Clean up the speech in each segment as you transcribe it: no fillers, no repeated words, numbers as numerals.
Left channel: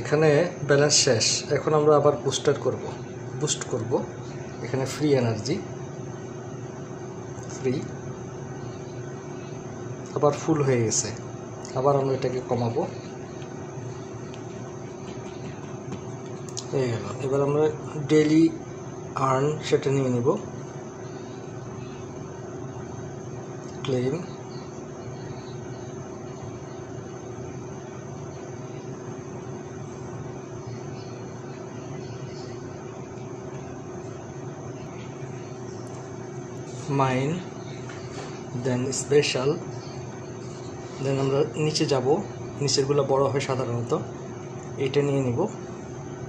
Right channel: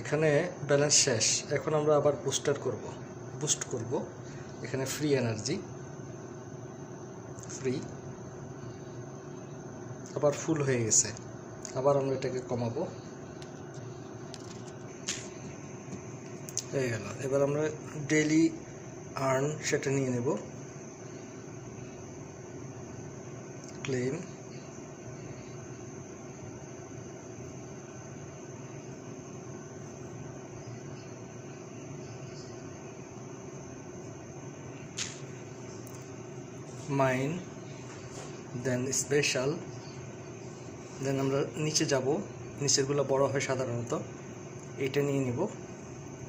এখানে ব্যালেন্স শেষ। এখন আমরা আবার বুস্ট করব। এখানে ফ্রি এনার্জি, ফ্রি, আবার ফুল হয়ে গেছে। আবার আমরা এটাকে কমাবো, হয়ে গেল। এবার আমরা ডেইলি আর্ন সেটা নিয়ে নেব, ক্লেম, মাইন, দেন স্পেশাল, দেন আমরা নিচে যাব। নিচেরগুলো বড় হয় সাধারণত, এটা নিয়ে নিব।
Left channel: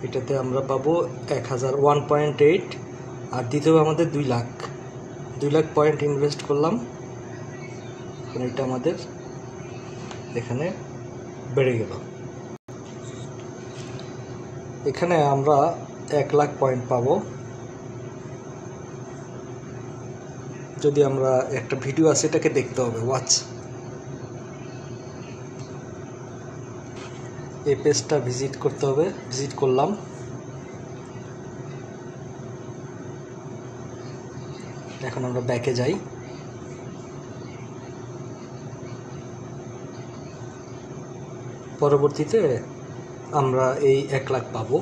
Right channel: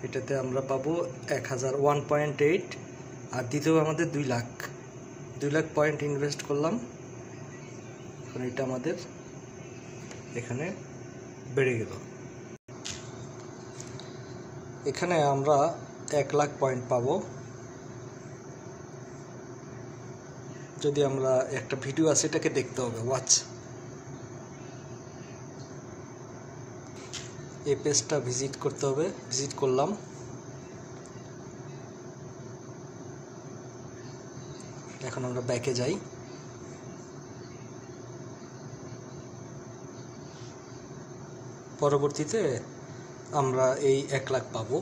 এটাতে আমরা পাবো 1000, 1.8, আর দিতে হবে আমাদের 2 লাখ। 2 লাখ পয়েন্ট ইনভেস্ট করলাম। এখন এটা আমাদের এখানে বেড়ে গেল। এখানে আমরা 1 লাখ পয়েন্ট পাবো যদি আমরা একটা ভিডিও আছে এটাকে দেখতে হবে, ওয়াচ। এই পেজটা ভিজিট করতে হবে, ভিজিট করলাম। এখন আমরা ব্যাকে যাই। পরবর্তীতে আমরা এই 1 লাখ পাবো।